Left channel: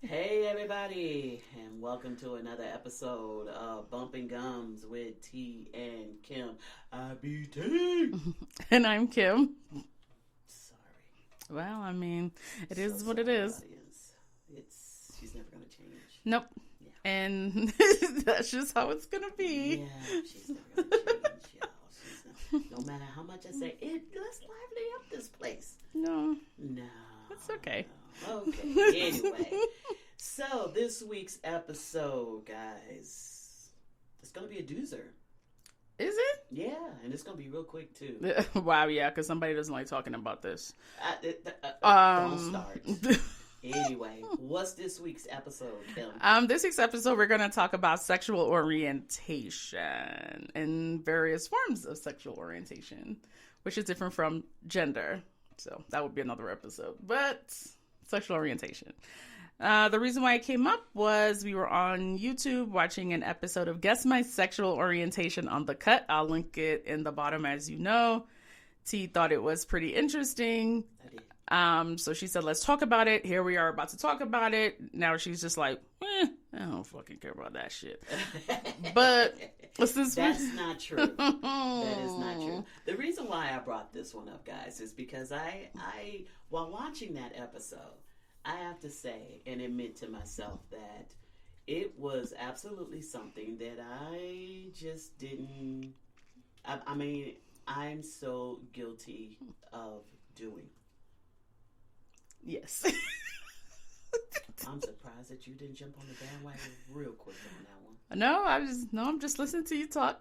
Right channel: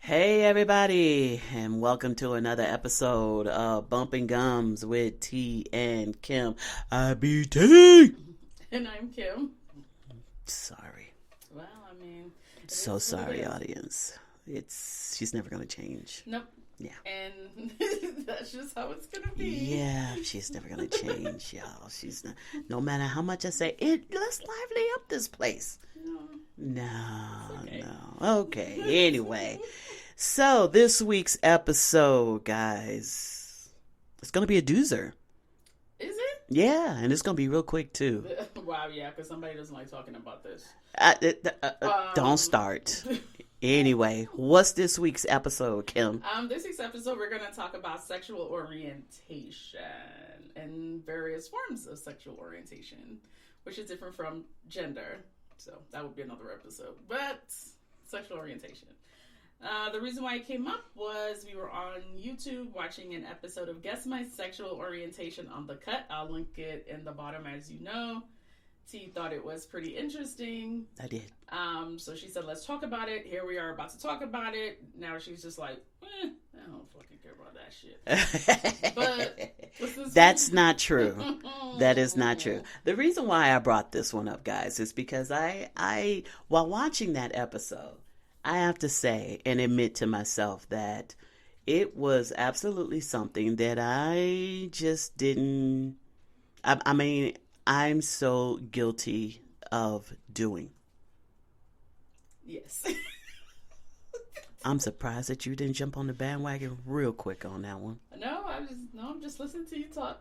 Hey everybody, and welcome to another episode of Bumping Gums with T and Kim. I be T. And I'm Kim. Sorry. Well, I mean, it is So what sorry, it is. audience. She's never gonna change. Nope. Yeah. And that's just how it's gonna be. Yeah, she's never gonna change, y'all. She's not. No matter how much I say, let's lively up this place. No. No. It's okay. No. Okay. Anyway, so this week's episode, guys, it's gonna be a doozer. Is it? Yeah, and it's gonna be real quick too. Wow, yeah, because somebody doesn't like talking about this. Don't start. Anyway, what's this week's episode, Kim? This week's episode, we're going to talk about sexual orientation and various forms of sexual orientation, which is different from gender. So that would be another episode. But sexual orientation. The reason why it came up was we were on YouTube watching an episode of Guess My Sexual Orientation on the Cut. I'll link it in the bottom, as you know. T thought it was pretty interesting. I did. So she said, let's talk about it. Here we are about to talk about it. Now she's just like, I don't fucking care about that shit. But that's not true. That is not true. The reason why I brought this one up, guys, is because I while watching that episode, I have to say and admit to myself that it was absolutely something that I just didn't. I mean, I'm so guilty of doing. Yes. I'm surprised that you didn't jump on the bandwagon real quick on that one. No, I'm just listening to you talk.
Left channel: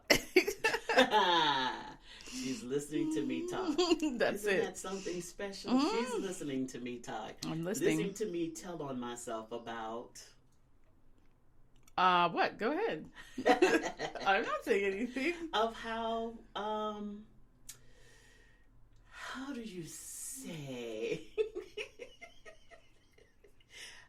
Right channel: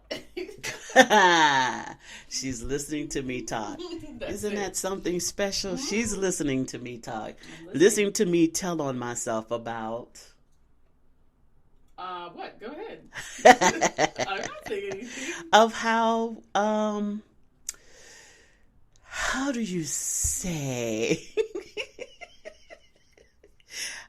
She's listening to me talk. Isn't it. that something special? She's listening to me talk. I'm listening to me tell on myself about... What? Go ahead. I'm not saying anything. Of how do you say?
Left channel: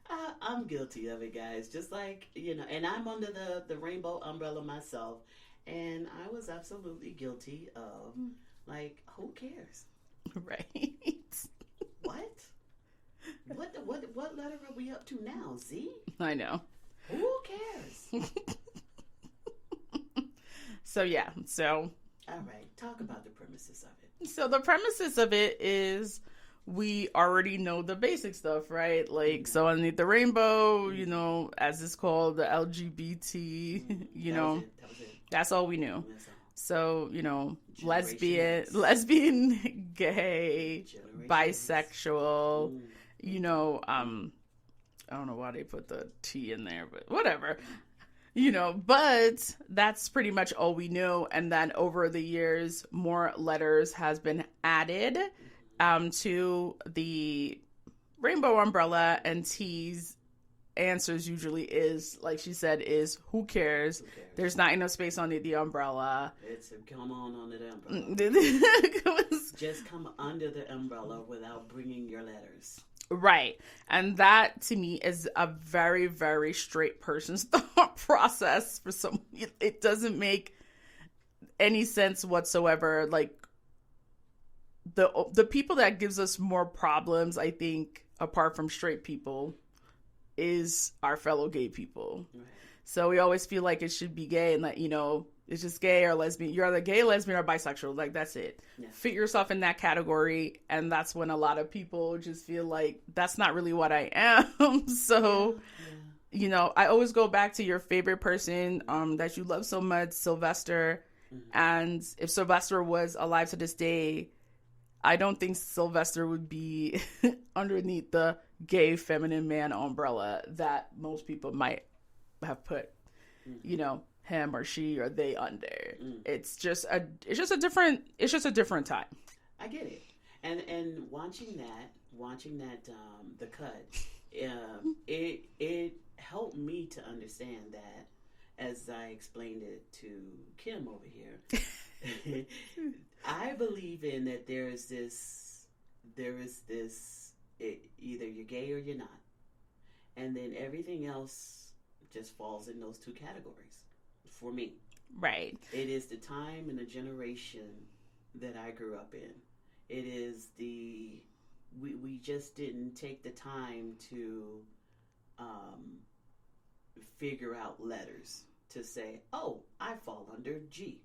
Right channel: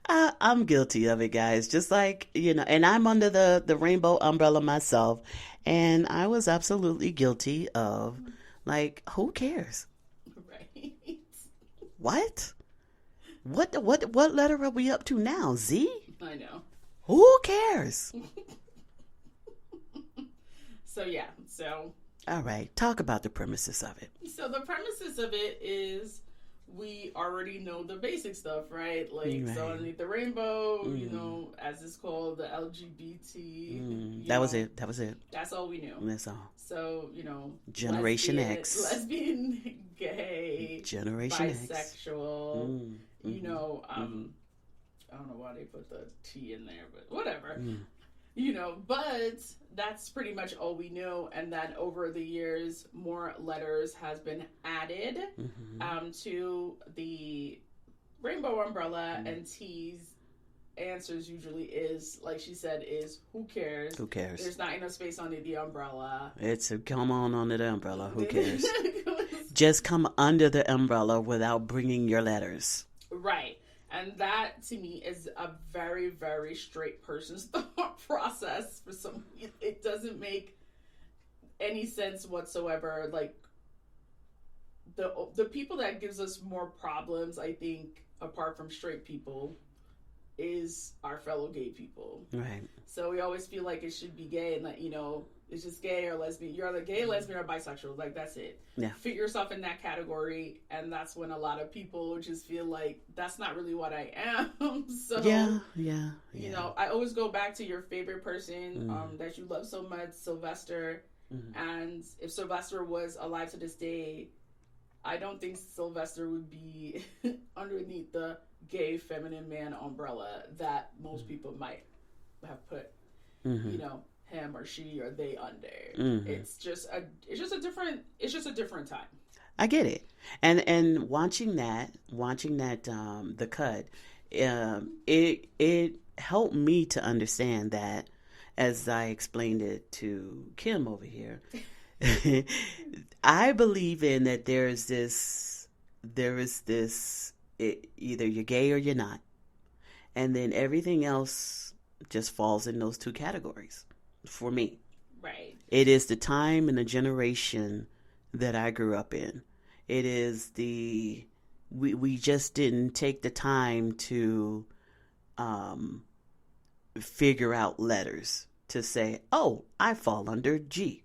I'm guilty of it, guys. Just like, and I'm under the rainbow umbrella myself. And I was absolutely guilty of, like, who cares? Right. What? What letter are we up to now? Z? I know. Who cares? So. All right. Talk about the premises of it. So the premises of it is we already know the basic stuff, right? Like, right. So underneath the rainbow, as it's called, the LGBT, That was it. That's all we knew. That's all. So, Generation X. Lesbian, gay, Generation bisexual, X. I don't know why they put the T in there, but whatever. But that's pretty much all we know. And then over the years, more letters has been added to the rainbow umbrella, and T's answers usually is, like she said, is who cares? Who cares? There's not enough space under the umbrella. It's a come on under the umbrella. Who cares? Just come under the umbrella without bringing your letters. Right. And that, to me, is a very, very straight person's thought process. For some, it doesn't make any sense whatsoever. Like, the people that gives us more problems, I think, apart from straight people, is our fellow gay people. Right. So we always feel like it should be gay, and that, it's just gay or lesbian. You're either gay, lesbian, or bisexual. Like, that's it. Yeah. Fit yourself in that category, and that's when a lot of people just feel like that's not really what I am. So, I always go back to your favorite person that you love so much, Sylvester. And if Sylvester was alive to this day, I don't think Sylvester would be underneath the gay feminine man umbrella that most people might have put, him or she or they under. It's just a different time. I get it. And watching that the cut, it helped me to understand that, as I explained it to Kim over here. I believe in that there is this either you're gay or you're not, and then everything else just falls in those two categories for me. Right. It is the time and the generation that I grew up in. It is the we just didn't take the time to figure out letters to say, oh, I fall under G,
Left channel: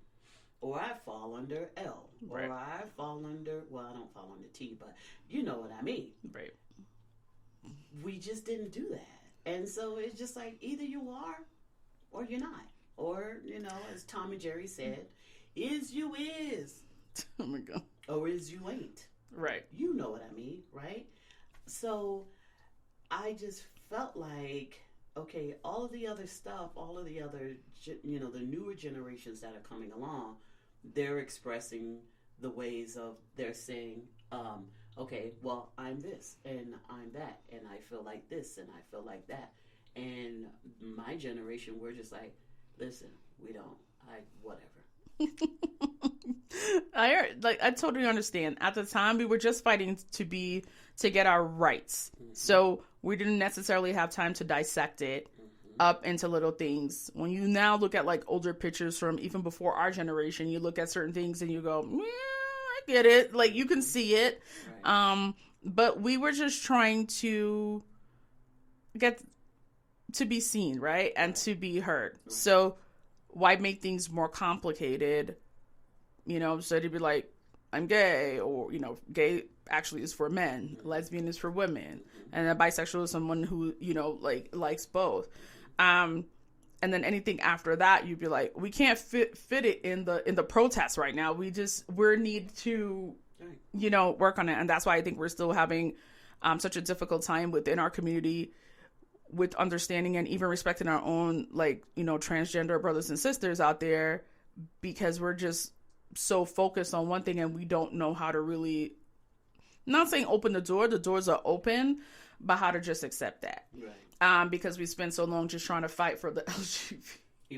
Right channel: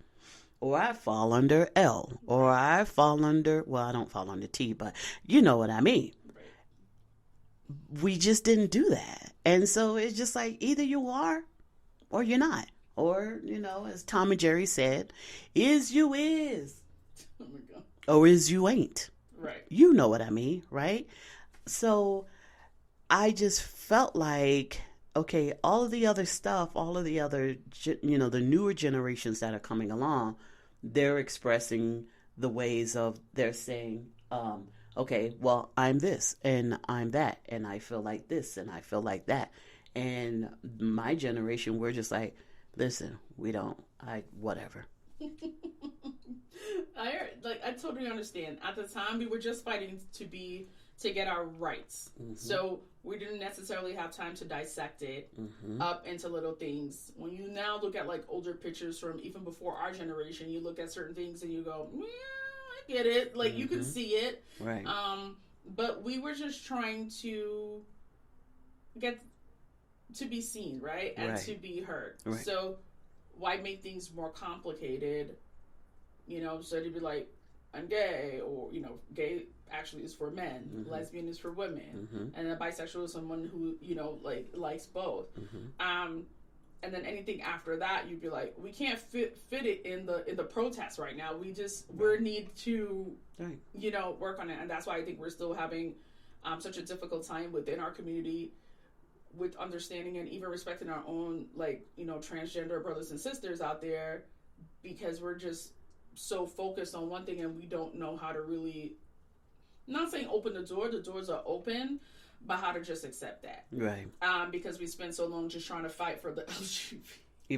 or I fall under L, or I fall under, well, I don't fall under T, but you know what I mean. Right. We just didn't do that. And so it's just like, either you are or you're not. Or, as Tom and Jerry said, is you is. Oh my God. Or is you ain't. Right. You know what I mean, right? So I just felt like, okay, all of the other stuff, all of the other, the newer generations that are coming along, they're expressing the ways of, they're saying, okay, well, I'm this and I'm that, and I feel like this and I feel like that. And my generation, we're just like, listen, whatever. I totally understand. At the time, we were just fighting to get our rights. Mm-hmm. So we didn't necessarily have time to dissect it up into little things. When you now look at like older pictures from even before our generation, you look at certain things and you go, yeah, I get it. Like you can see it. Right. But we were just trying to get to be seen, right? And to be heard. Right. So why make things more complicated? So to be like, I'm gay, or, gay actually is for men, lesbian is for women, and a bisexual is someone who, likes both. And then anything after that, you'd be like, we can't fit it in the protest right now. We need to, work on it. And that's why I think we're still having such a difficult time within our community with understanding and even respecting our own, transgender brothers and sisters out there, because we're just so focused on one thing and we don't know how to really, not saying open the doors are open, but how to just accept that. Right. Because we spend so long just trying to fight for the LGBT.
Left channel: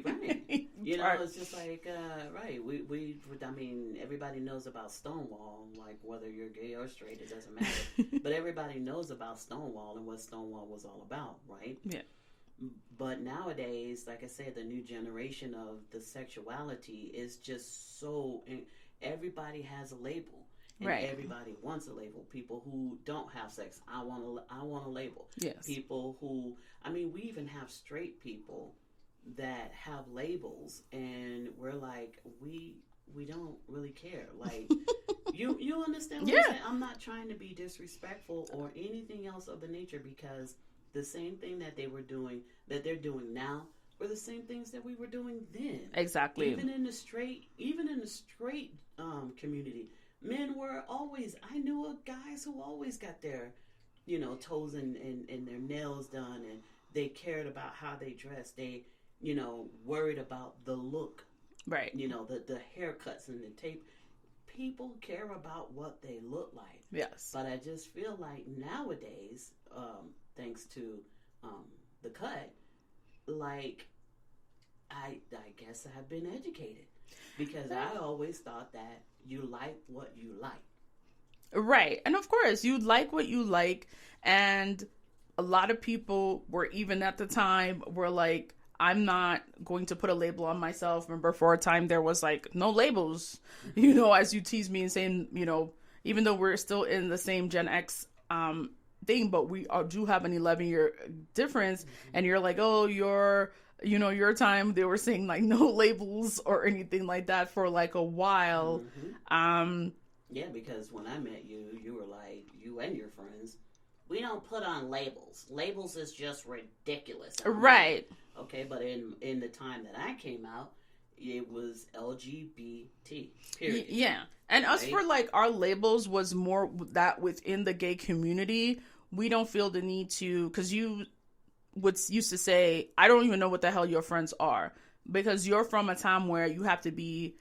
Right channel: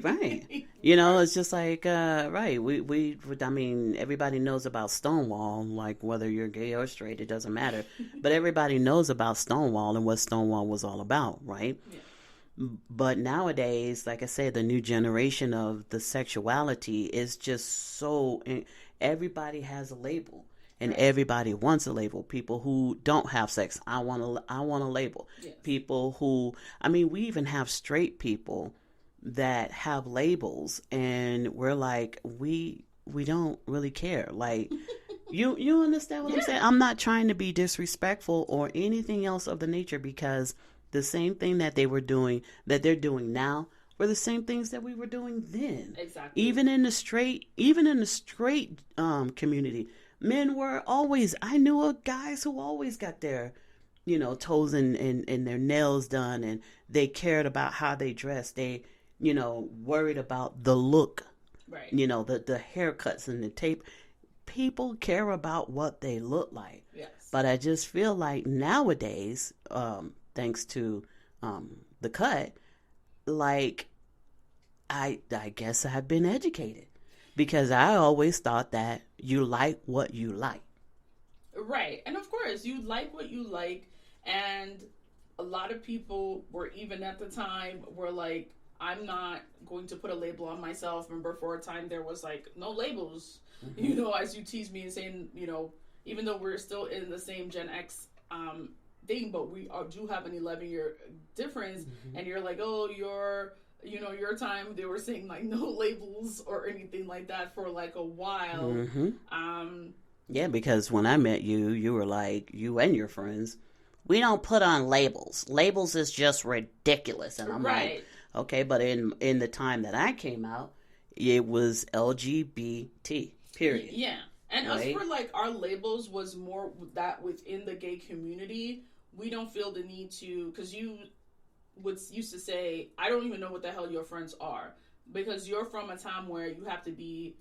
Right. It's just like, right. I mean, everybody knows about Stonewall, like whether you're gay or straight, it doesn't matter. But everybody knows about Stonewall and what Stonewall was all about, right? Yeah. But nowadays, like I said, the new generation of the sexuality is just so, everybody has a label. And everybody wants a label. People who don't have sex, I want a label. Yes. People who, we even have straight people that have labels, and we're like, we don't really care. Like, you understand what I'm saying? I'm not trying to be disrespectful or anything else of the nature, because the same thing that they're doing now were the same things that we were doing then. Exactly. Even in the straight community, men were always, I knew guys who always got their, toes and their nails done, and they cared about how they dressed. They, worried about the look. Right. The haircuts and the tape. People care about what they look like. Yes. But I just feel like nowadays, thanks to the cut, like, I guess I've been educated, because I always thought that you like what you like. Right. And of course, you like what you like. And a lot of people were, even at the time, were like, I'm not going to put a label on myself. Remember, for a time, there was like no labels, as you tease me and saying, even though we're still in the same Gen X thing, but we do have an 11-year difference. And you're like, oh, your time, they were saying like no labels or anything like that for like a while. Yeah, because when I met you, you were like, you and your friends, we don't put on labels. Labels is just ridiculous. Right. Like, okay, but in the time that I came out, it was LGBT, period. Yeah. And us, for like, our labels was more that within the gay community, we don't feel the need to, because you used to say, I don't even know what the hell your friends are, because you're from a time where you have to be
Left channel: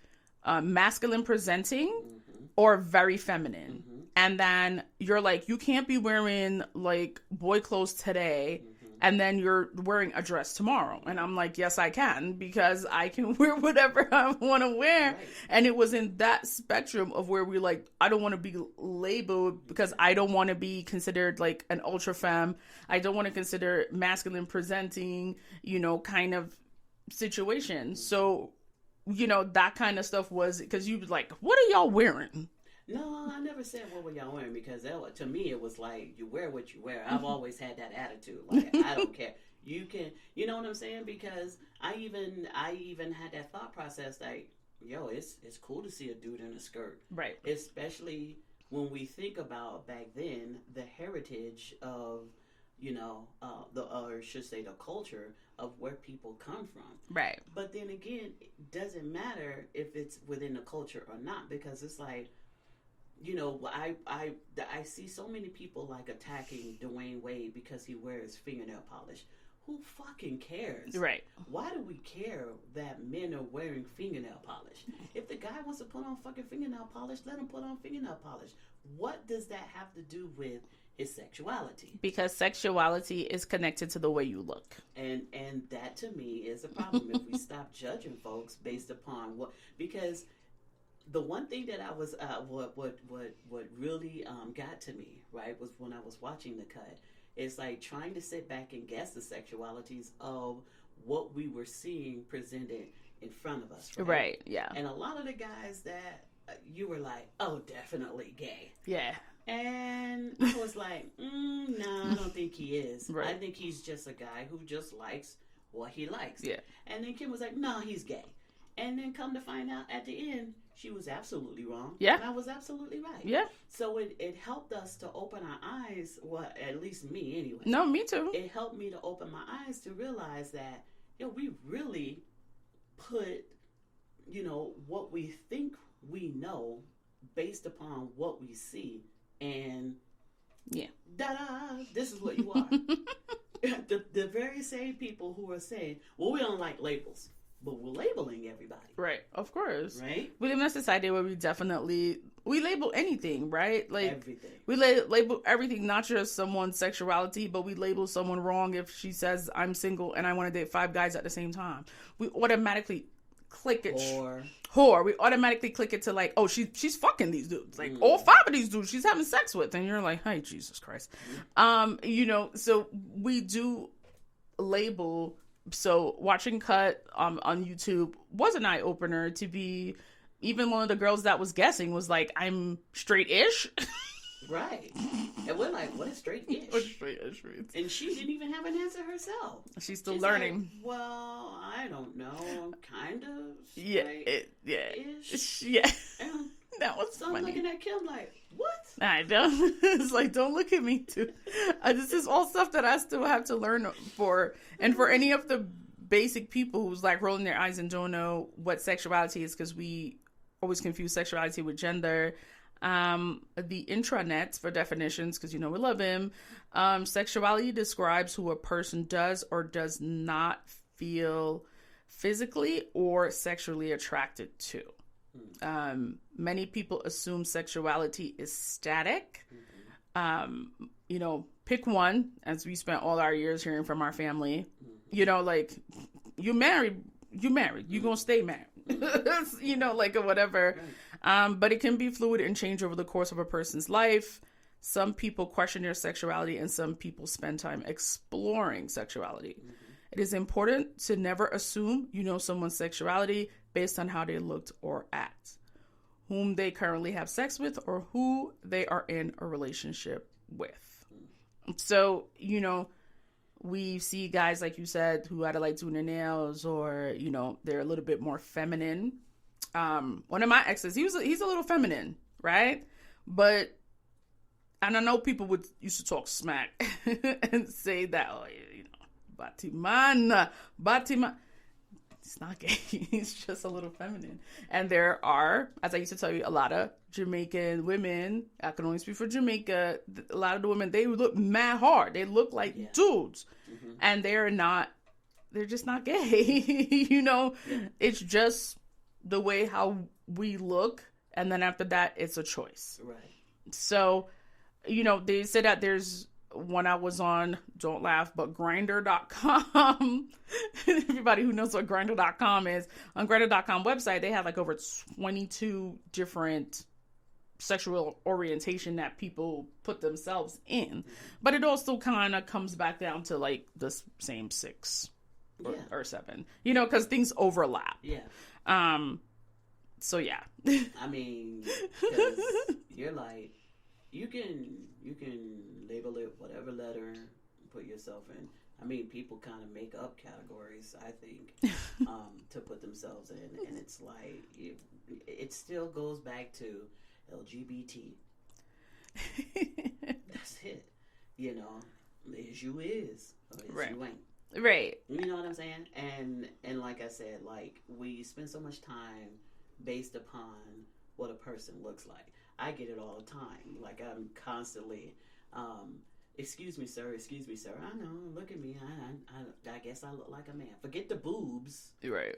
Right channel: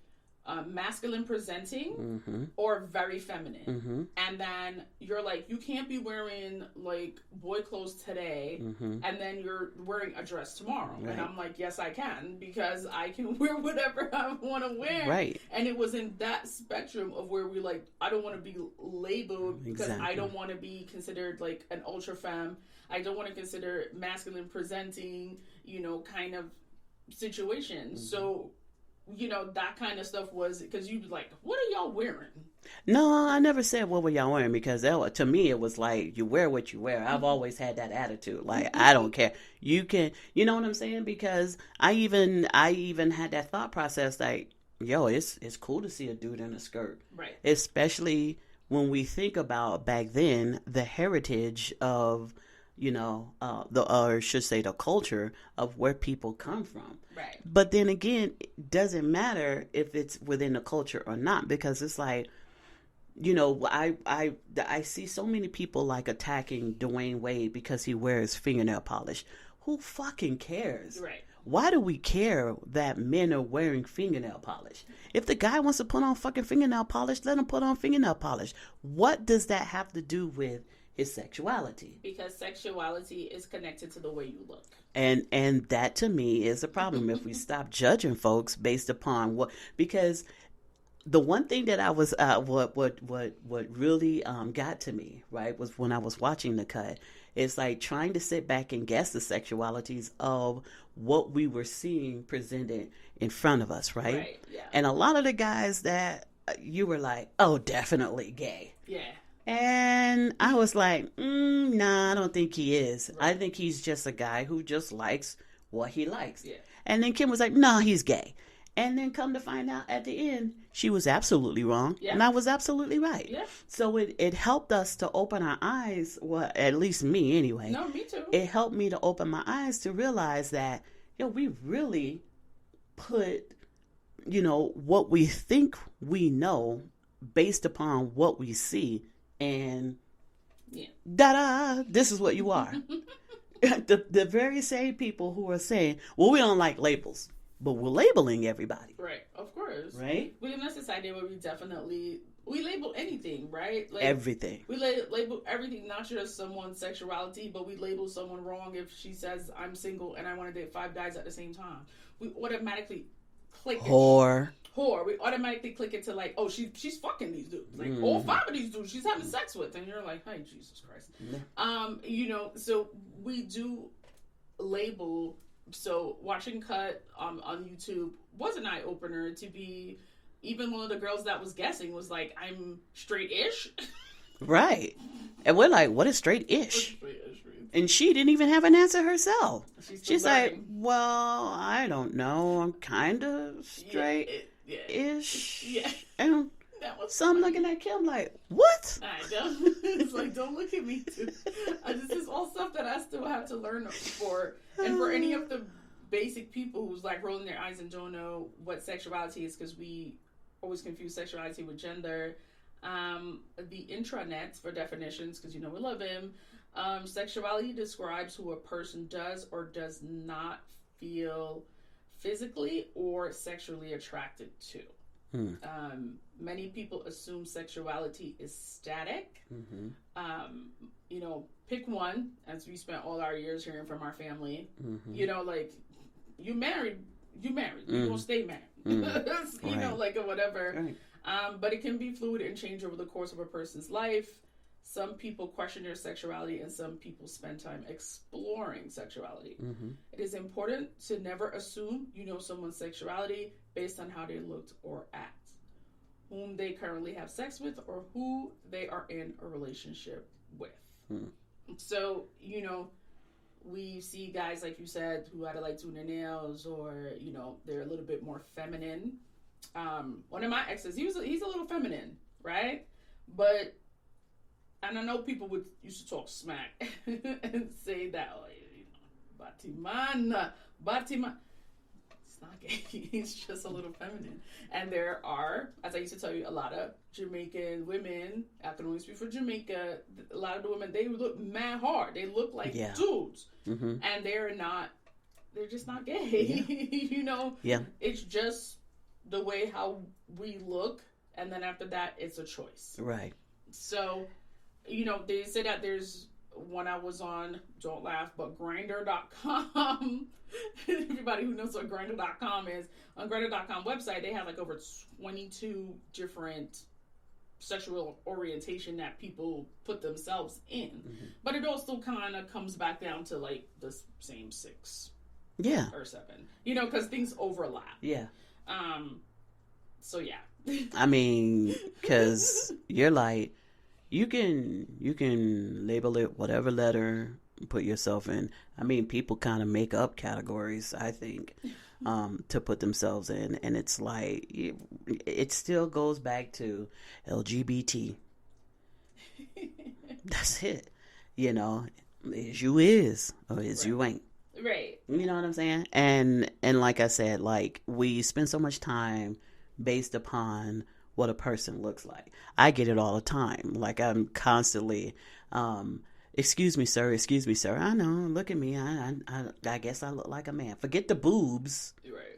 masculine presenting or very feminine. And then you're like, you can't be wearing like boy clothes today and then you're wearing a dress tomorrow. Right. And I'm like, yes, I can, because I can wear whatever I want to wear. Right. And it was in that spectrum of where we like, I don't want to be labeled because I don't want to be considered like an ultra femme. I don't want to consider masculine presenting, kind of situation. So that kind of stuff was, because you was like, what are y'all wearing? No, I never said what were y'all wearing because to me it was like you wear what you wear. I've always had that attitude. Like I don't care. You can, you know what I'm saying? Because I even had that thought process like, yo, it's cool to see a dude in a skirt, Right. especially when we think about back then the heritage of or should say the culture of where people come from. Right. But then again, it doesn't matter if it's within the culture or not because it's like, I see so many people like attacking Dwayne Wade because he wears fingernail polish. Who fucking cares? Right. Why do we care that men are wearing fingernail polish? If the guy wants to put on fucking fingernail polish, let him put on fingernail polish. What does that have to do with his sexuality? Because sexuality is connected to the way you look. And that to me is a problem if we stop judging folks based upon because the one thing that I was what really got to me, right, was when I was watching the cut. It's like trying to sit back and guess the sexualities of what we were seeing presented in front of us, right? Right, yeah. And a lot of the guys that you were like, oh, definitely gay. Yeah. And I was like, nah, I don't think he is. Right. I think he's just a guy who just likes what he likes. Yeah. And then Kim was like, nah, he's gay. And then come to find out at the end, she was absolutely wrong. Yeah. And I was absolutely right. Yeah. So it helped us to open our eyes. Well, at least me anyway. No, me too. It helped me to open my eyes to realize that, we really put, what we think we know based upon what we see. And yeah, da-da, this is what you are. the very same people who are saying, well, we don't like labels. But we're labeling everybody. Right, of course. Right? We live in a society where we label anything, right? Like everything. We label everything, not just someone's sexuality, but we label someone wrong if she says, I'm single and I want to date 5 guys at the same time. We automatically click it. Whore. We automatically click it to like, oh, she's fucking these dudes. Like, all 5 of these dudes she's having sex with. And you're like, hey, Jesus Christ. Yeah. So we do label. So watching Cut on YouTube was an eye-opener to be, even one of the girls that was guessing was like, I'm straight-ish. Right. And we're like, what is straight-ish? And she didn't even have an answer herself. She's learning. Like, well, I don't know. I'm kind of straight-ish. Yeah. And that was so I'm looking at Kim like, what? I don't. It's like, don't look at me too. This is all stuff that I still have to learn for. And for any of the basic people who's like rolling their eyes and don't know what sexuality is, because we always confuse sexuality with gender. The intranets for definitions, because we love him. Sexuality describes who a person does or does not feel physically or sexually attracted to. Many people assume sexuality is static. Pick one, as we spent all our years hearing from our family. Like, you married, you're gonna stay married. Like, or whatever. But it can be fluid and change over the course of a person's life. Some people question their sexuality and some people spend time exploring sexuality. It is important to never assume someone's sexuality based on how they looked or act, whom they currently have sex with, or who they are in a relationship with. So, we see guys, like you said, who either like doing their nails or, they're a little bit more feminine. One of my exes, he's a little feminine, right? But, and I know people used to talk smack and say that, oh, Batiman. He's not gay. He's just a little feminine. And there are, as I used to tell you, a lot of Jamaican women, I can only speak for Jamaica, a lot of the women, they look mad hard. They look like dudes. And they're just not gay. It's just the way how we look. And then after that, it's a choice. Right. So, they said that there's, when I was on, don't laugh, but Grindr.com, everybody who knows what Grindr.com is, on Grindr.com website, they have like over 22 different sexual orientation that people put themselves in. But it also kind of comes back down to like the same 6 or 7, because things overlap. Yeah. So yeah. I mean, because you're like, you can label it whatever letter, put yourself in. I mean, people kind of make up categories, I think, to put themselves in, and it's like it still goes back to LGBT. That's it. You know, is you is or is you ain't. Right. You know what I'm saying? And like I said, like we spend so much time based upon what a person looks like. I get it all the time. Like I'm constantly, excuse me, sir. Excuse me, sir. I know. Look at me. I guess I look like a man. Forget the boobs. Right.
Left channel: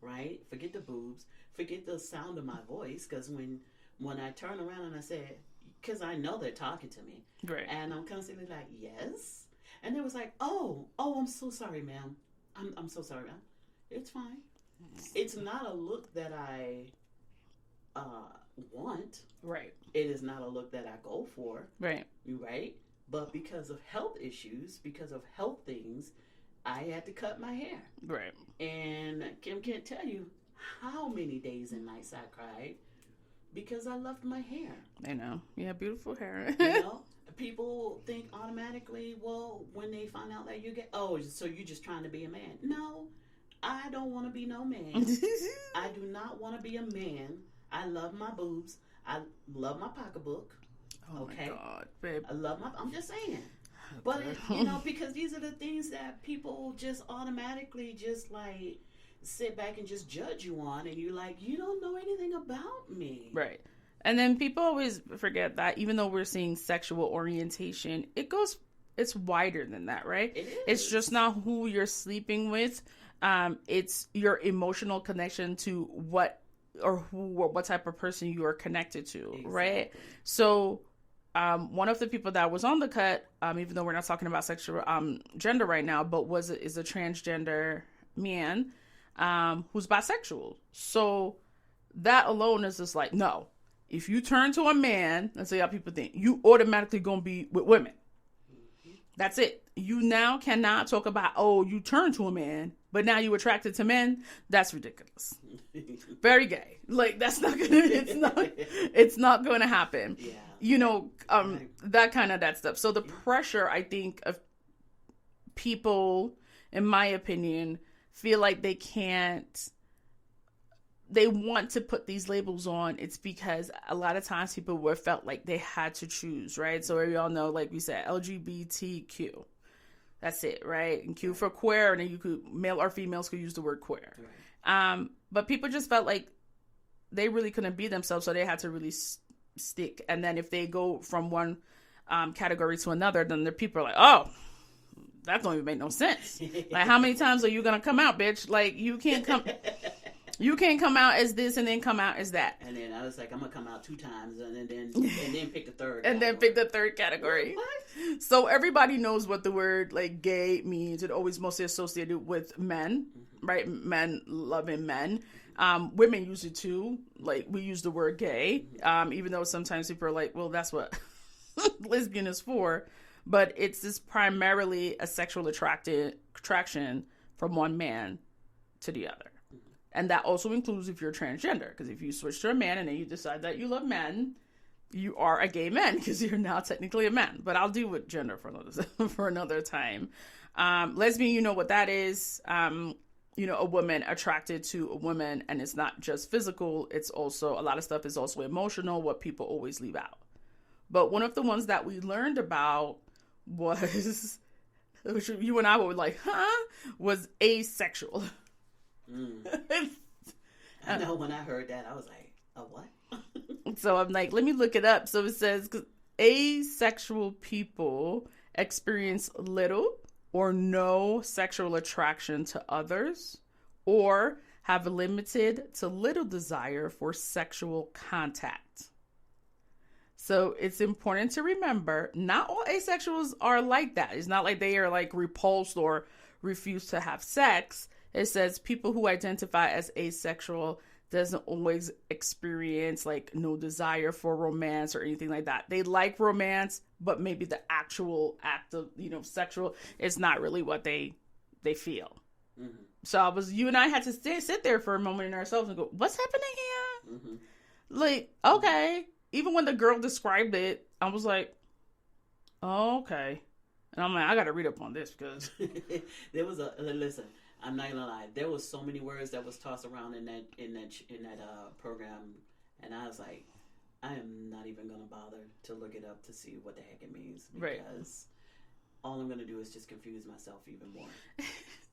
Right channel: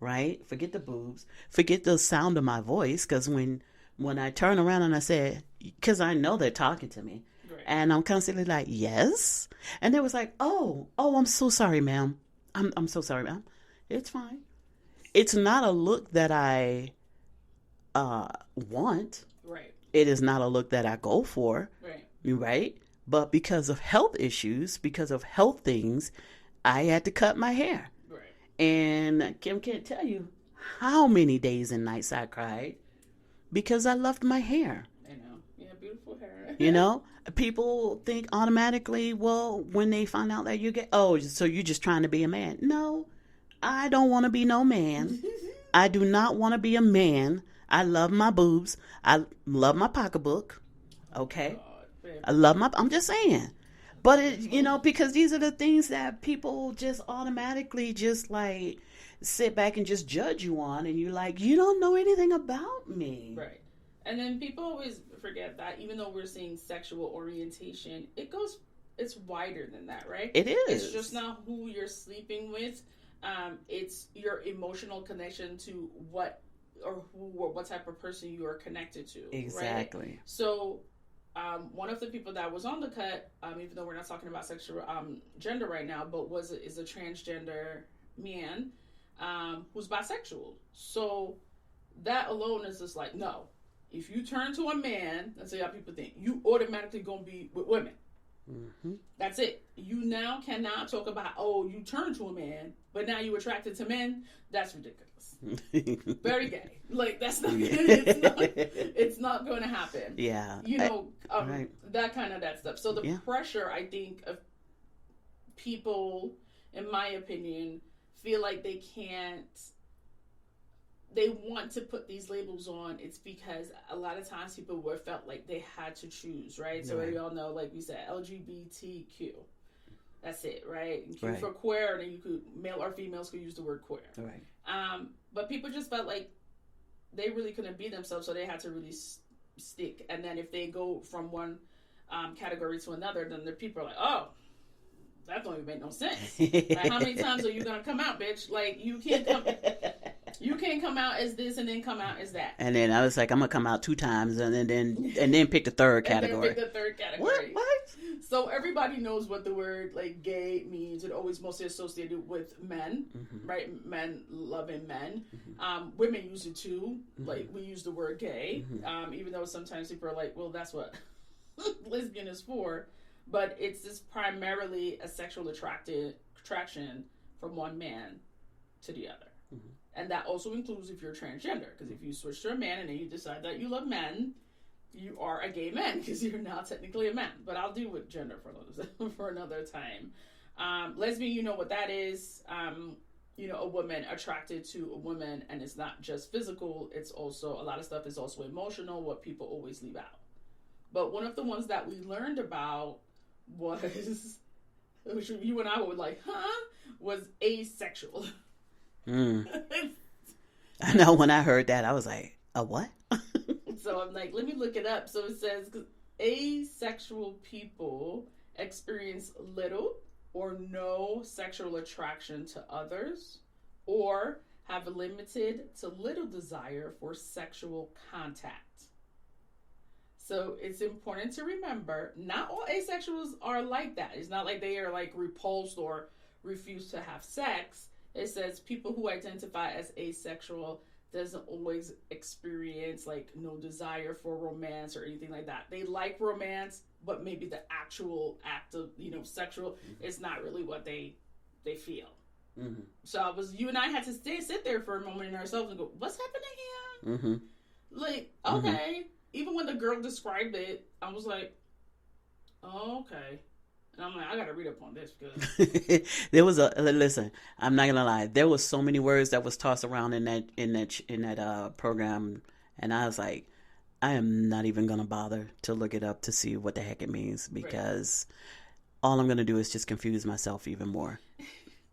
Right. Forget the boobs. Forget the sound of my voice. Because when I turn around and I say, because I know they're talking to me, right, and I'm constantly like, yes, and they was like, oh, I'm so sorry, ma'am. I'm so sorry, ma'am. It's fine. It's not a look that I want. Right. It is not a look that I go for. Right. Right. But because of health issues, because of health things, I had to cut my hair. Right. And Kim can't tell you how many days and nights I cried because I loved my hair. I know. You have beautiful hair. You know, people think automatically, well, when they find out that you get, oh, so you're just trying to be a man. No, I don't want to be no man. I do not want to be a man. I love my boobs. I love my pocketbook. Okay. God, I love I'm just saying. But it, you know, because these are the things that people just automatically just like sit back and just judge you on, and you're like, you don't know anything about me. Right. And then people always forget that even though we're seeing sexual orientation, it's wider than that, right? It is. It's just not who you're sleeping with. It's your emotional connection to what type of person you are connected to, right? Exactly. So, one of the people that was on the cut, even though we're not talking about sexual gender right now, but is a transgender man who's bisexual. So that alone is just like, no. If you turn to a man, that's how people think, you automatically gonna be with women. Mm-hmm. That's it. You now cannot talk about, oh, you turn to a man, but now you attracted to men. That's ridiculous. Very gay. Like that's not. It's not going to happen. Yeah. You know, right. that stuff. So the pressure, I think, of people, in my opinion, feel like they can't. They want to put these labels on. It's because a lot of times people felt like they had to choose, right? So we all know, like we said, LGBTQ. That's it, right? And Q for queer, and then you could, male or females could use the word queer. Right. But people just felt like they really couldn't be themselves, so they had to really stick. And then if they go from one category to another, then the people are like, oh, that don't even make no sense. Like, how many times are you gonna come out, bitch? Like, you can't come. You can't come out as this and then come out as that. And then I was like, I'm gonna come out 2 times and then pick the third category. And then pick the third category. What? So everybody knows what the word like gay means. It always mostly associated with men, right? Men loving men. Women use it too. Like we use the word gay, even though sometimes people are like, well, that's what lesbian is for. But it's just primarily a sexual attraction from one man to the other. And that also includes if you're transgender, because if you switch to a man and then you decide that you love men, you are a gay man because you're now technically a man. But I'll deal with gender for another time. Lesbian, you know what that is. You know, a woman attracted to a woman, and it's not just physical. It's also, a lot of stuff is also emotional, what people always leave out. But one of the ones that we learned about was, which you and I were like, was asexual. I know when I heard that, I was like, a what? So I'm like, let me look it up. So it says, asexual people experience little or no sexual attraction to others, or have limited to little desire for sexual contact. So it's important to remember, not all asexuals are like that. It's not like they are like repulsed or refuse to have sex. It says people who identify as asexual doesn't always experience like no desire for romance or anything like that. They like romance, but maybe the actual act of, sexual is not really what they feel. Mm-hmm. So you and I had to sit there for a moment in ourselves and go, what's happening Mm-hmm. Like, okay. Mm-hmm. Even when the girl described it, I was like, oh, okay. And I'm like, I got to read up on this because there was listen. I'm not gonna lie. There was so many words that was tossed around in that program, and I was like, I am not even gonna bother to look it up to see what the heck it means because all I'm gonna do is just confuse myself even more.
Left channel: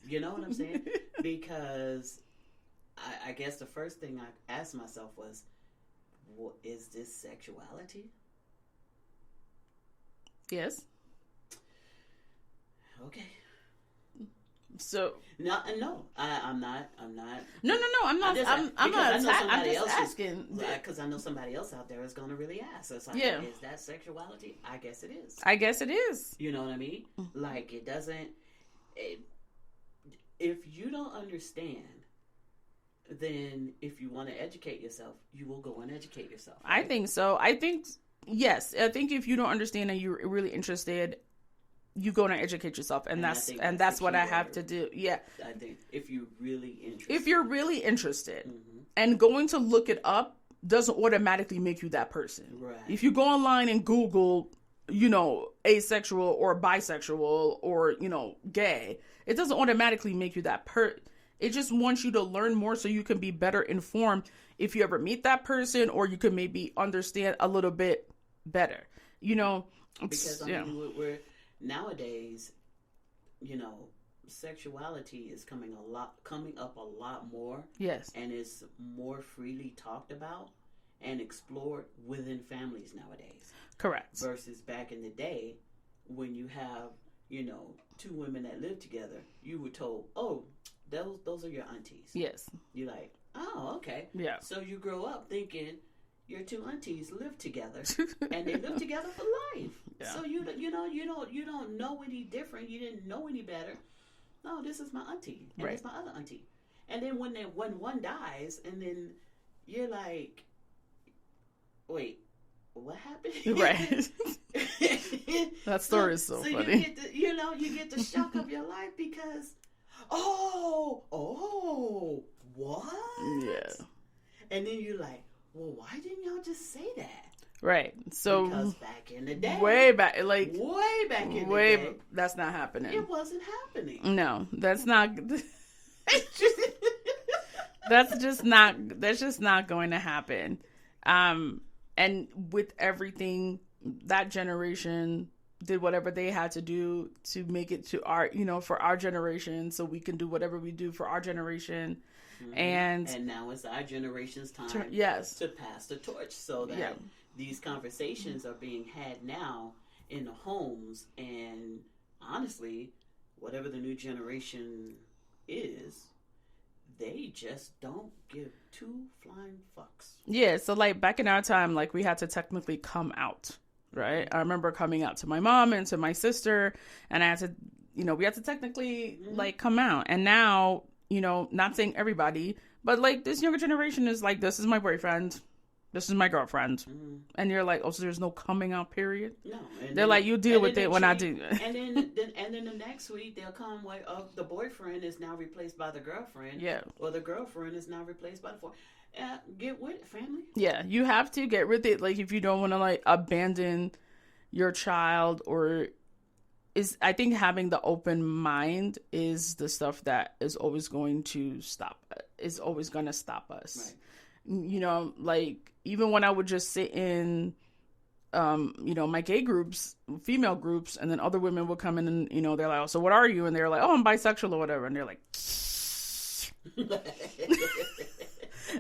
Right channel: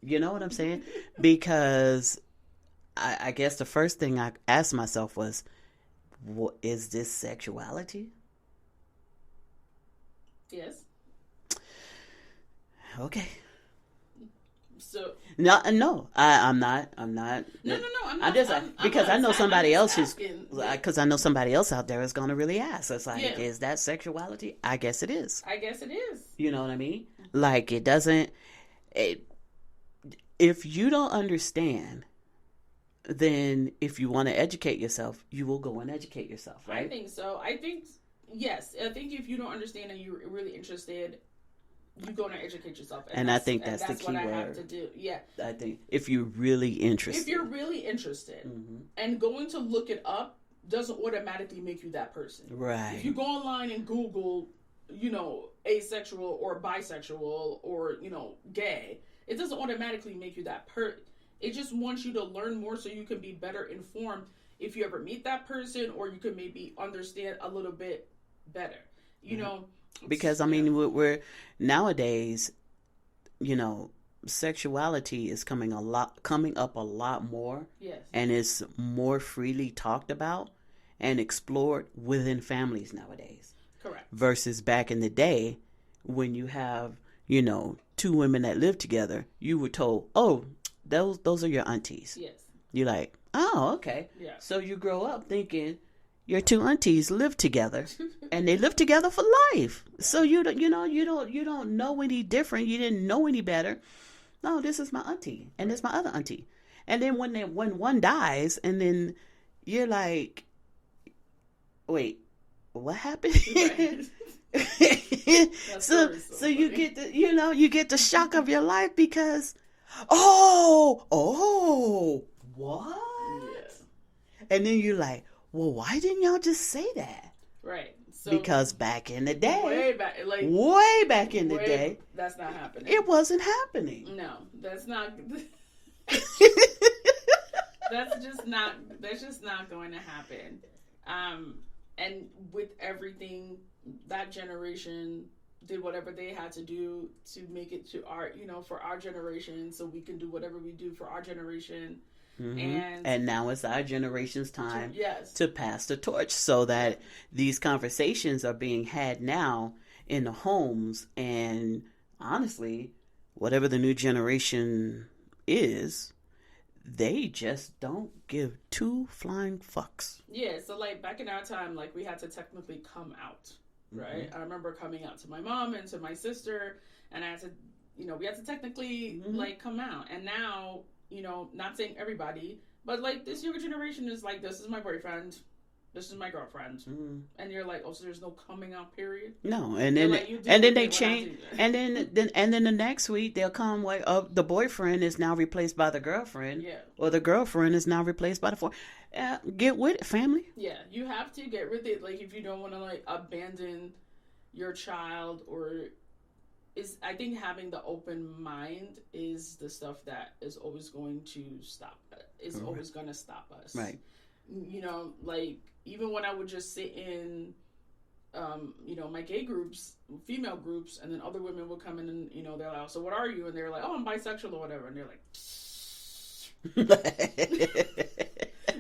You know what I'm saying? Because I guess the first thing I asked myself was, what is this sexuality? Yes. Okay. So no, I'm not. I'm not. I'm just because I know somebody else is because I know somebody else out there is going to really ask. It's like, is that sexuality? I guess it is. You know what I mean? Like it doesn't. If you don't understand, then if you want to educate yourself, you will go and educate yourself. Right? I think so. Yes. I think if you don't understand and you're really interested, you go and educate yourself, and that's what I have to do. Yeah, I think if you're really interested, mm-hmm. and going to look it up doesn't automatically make you that person. Right. If you go online and Google, asexual or bisexual or gay, it doesn't automatically make you that It just wants you to learn more so you can be better informed if you ever meet that person, or you can maybe understand a little bit better. Because I mean, we're nowadays, sexuality is coming up a lot more. Yes. And is more freely talked about and explored within families nowadays. Correct. Versus back in the day when you have, two women that live together, you were told, oh, those are your aunties. Yes. You're like, oh, okay. Yeah. So you grow up thinking your two aunties live together and they live together for life. Yeah. So you don't know any different. You didn't know any better. No, this is my auntie and this is my other auntie. And then when one dies, and then you're like, wait, what happened? Right. That story is so funny. You get the you get the shock of your life because what? Yeah. And then you're like, well, why didn't y'all just say that? Right. So because back in the day, way back in the day, that's not happening. It wasn't happening. No, that's not. That's just not going to happen. And with everything, that generation did whatever they had to do to make it to our, for our generation, so we can do whatever we do for our generation. Mm-hmm. And now it's our generation's time yes. to pass the torch, so that these conversations are being had now in the homes. And honestly, whatever the new generation is, they just don't give two flying fucks. Yeah, so like back in our time, like we had to technically come out, right? Mm-hmm. I remember coming out to my mom and to my sister, and I had to, we had to technically like come out. And now, not saying everybody, but like this younger generation is like, this is my boyfriend, this is my girlfriend, and you're like, oh, so there's no coming out period? No, and they're like, you deal with it when I do. And then the next week they'll come like, oh, the boyfriend is now replaced by the girlfriend, or the girlfriend is now replaced by the get with it, family. Yeah, you have to get with it. Like if you don't want to like abandon your child, or I think having the open mind is the stuff that is always going to stop. Is always going to stop us, right? Like even when I would just sit in, my gay groups, female groups, and then other women would come in and, they're like, oh, so what are you? And they're like, oh, I'm bisexual or whatever. And they're like,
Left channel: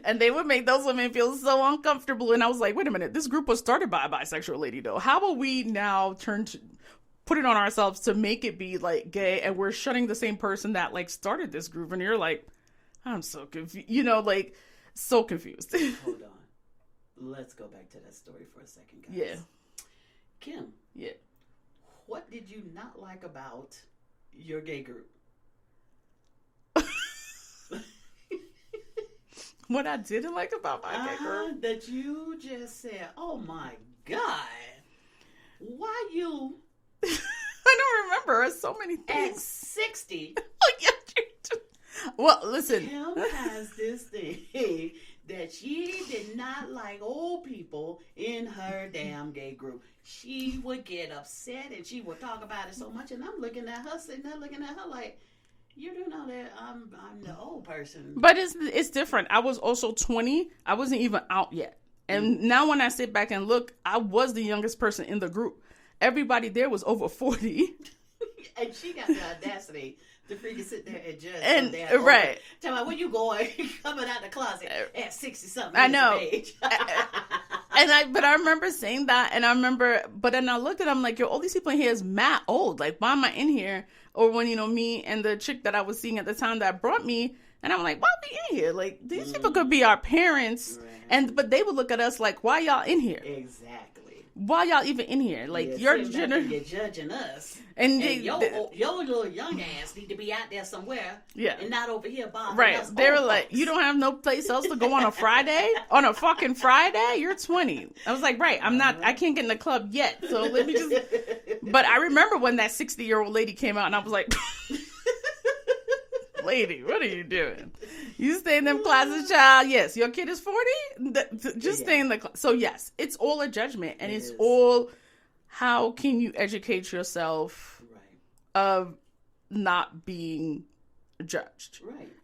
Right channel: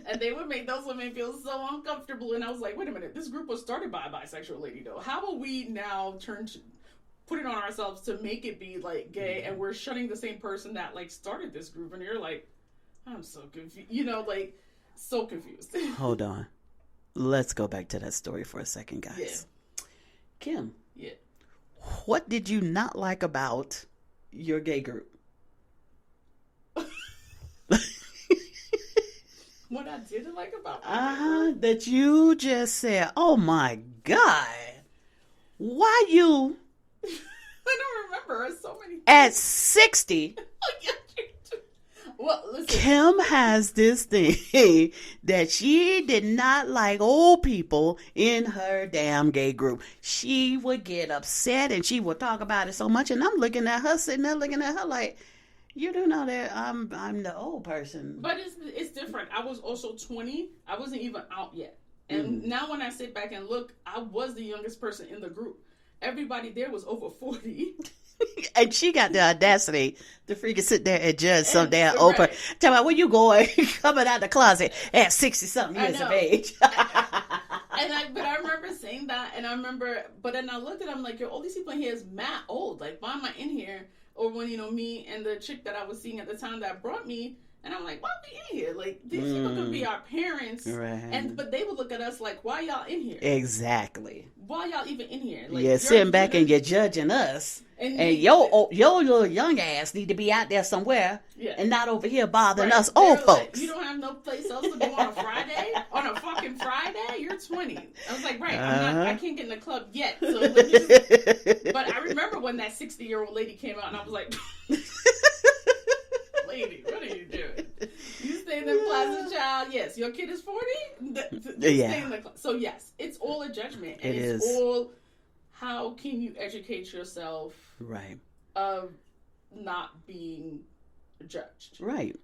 and they would make those women feel so uncomfortable. And I was like, wait a minute, this group was started by a bisexual lady though. How about we now put it on ourselves to make it be like gay, and we're shunning the same person that like started this group? And you're like, I'm so confused, like so confused. Hold on. Let's go back to that story for a second, guys. Yeah. Kim. Yeah. What did you not like about your gay group? What I didn't like about my gay group? That you just said, oh my God. Why you... I don't remember. So many things. At 60... Well, listen. Kim has this thing that she did not like old people in her damn gay group. She would get upset and she would talk about it so much. And I'm looking at her, sitting there looking at her like, you do know that I'm the old person. But it's different. I was also 20. I wasn't even out yet. And now when I sit back and look, I was the youngest person in the group. Everybody there was over 40. And she got the audacity to freaking sit there and judge some damn old right. person. Tell me, where you going coming out the closet at 60-something years of age? But I remember saying that, and but then I looked at it, I'm like, yo, all these people in here is mad old. Like, why am I in here? Or when, me and the chick that I was seeing at the time that brought me, and I'm like, why are we in here? Like, these people could be our parents. Right. But they would look at us like, why y'all in here? Exactly. Why y'all even in here? Like, you're sitting back and you're judging us. And your little young ass need to be out there somewhere and not over here bothering us old folks. Like, you don't have no place else to go on a Friday? On a fucking Friday? You're 20. I was like, right, I can't get in the club yet. So let me just... But I remember when that 60-year-old lady came out and I was like... Lady, what are you doing? You stay in them classes, child. Yes, your kid is 40. Just stay in the class. So yes, it's all a judgment, and it's all how can you educate yourself, right, of not being judged, right?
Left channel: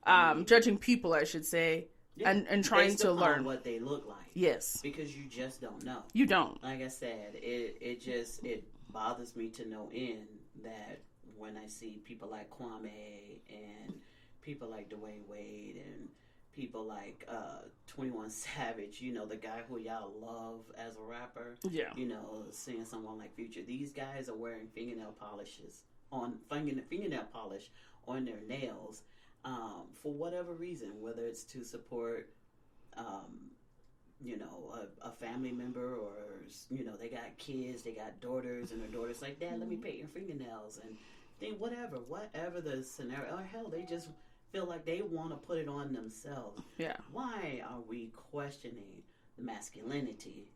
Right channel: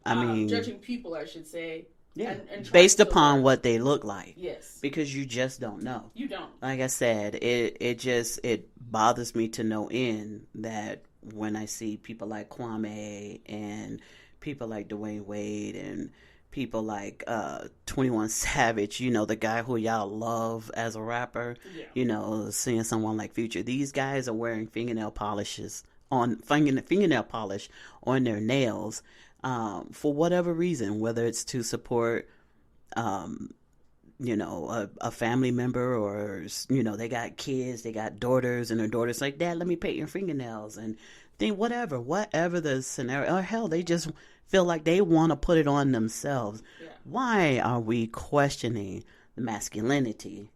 Judging people, I should say, and trying based upon learn. What they look like. Yes, because you just don't know. You don't. Like I said, it bothers me to no end that when I see people like Kwame and people like Dwayne Wade and people like 21 Savage, the guy who y'all love as a rapper, seeing someone like Future, these guys are wearing fingernail polish on their nails for whatever reason, whether it's to support a family member, or they got kids, they got daughters, and their daughters like, Dad, let me paint your fingernails, and then whatever the scenario, or hell, they just feel like they want to put it on themselves. Why are we questioning the masculinity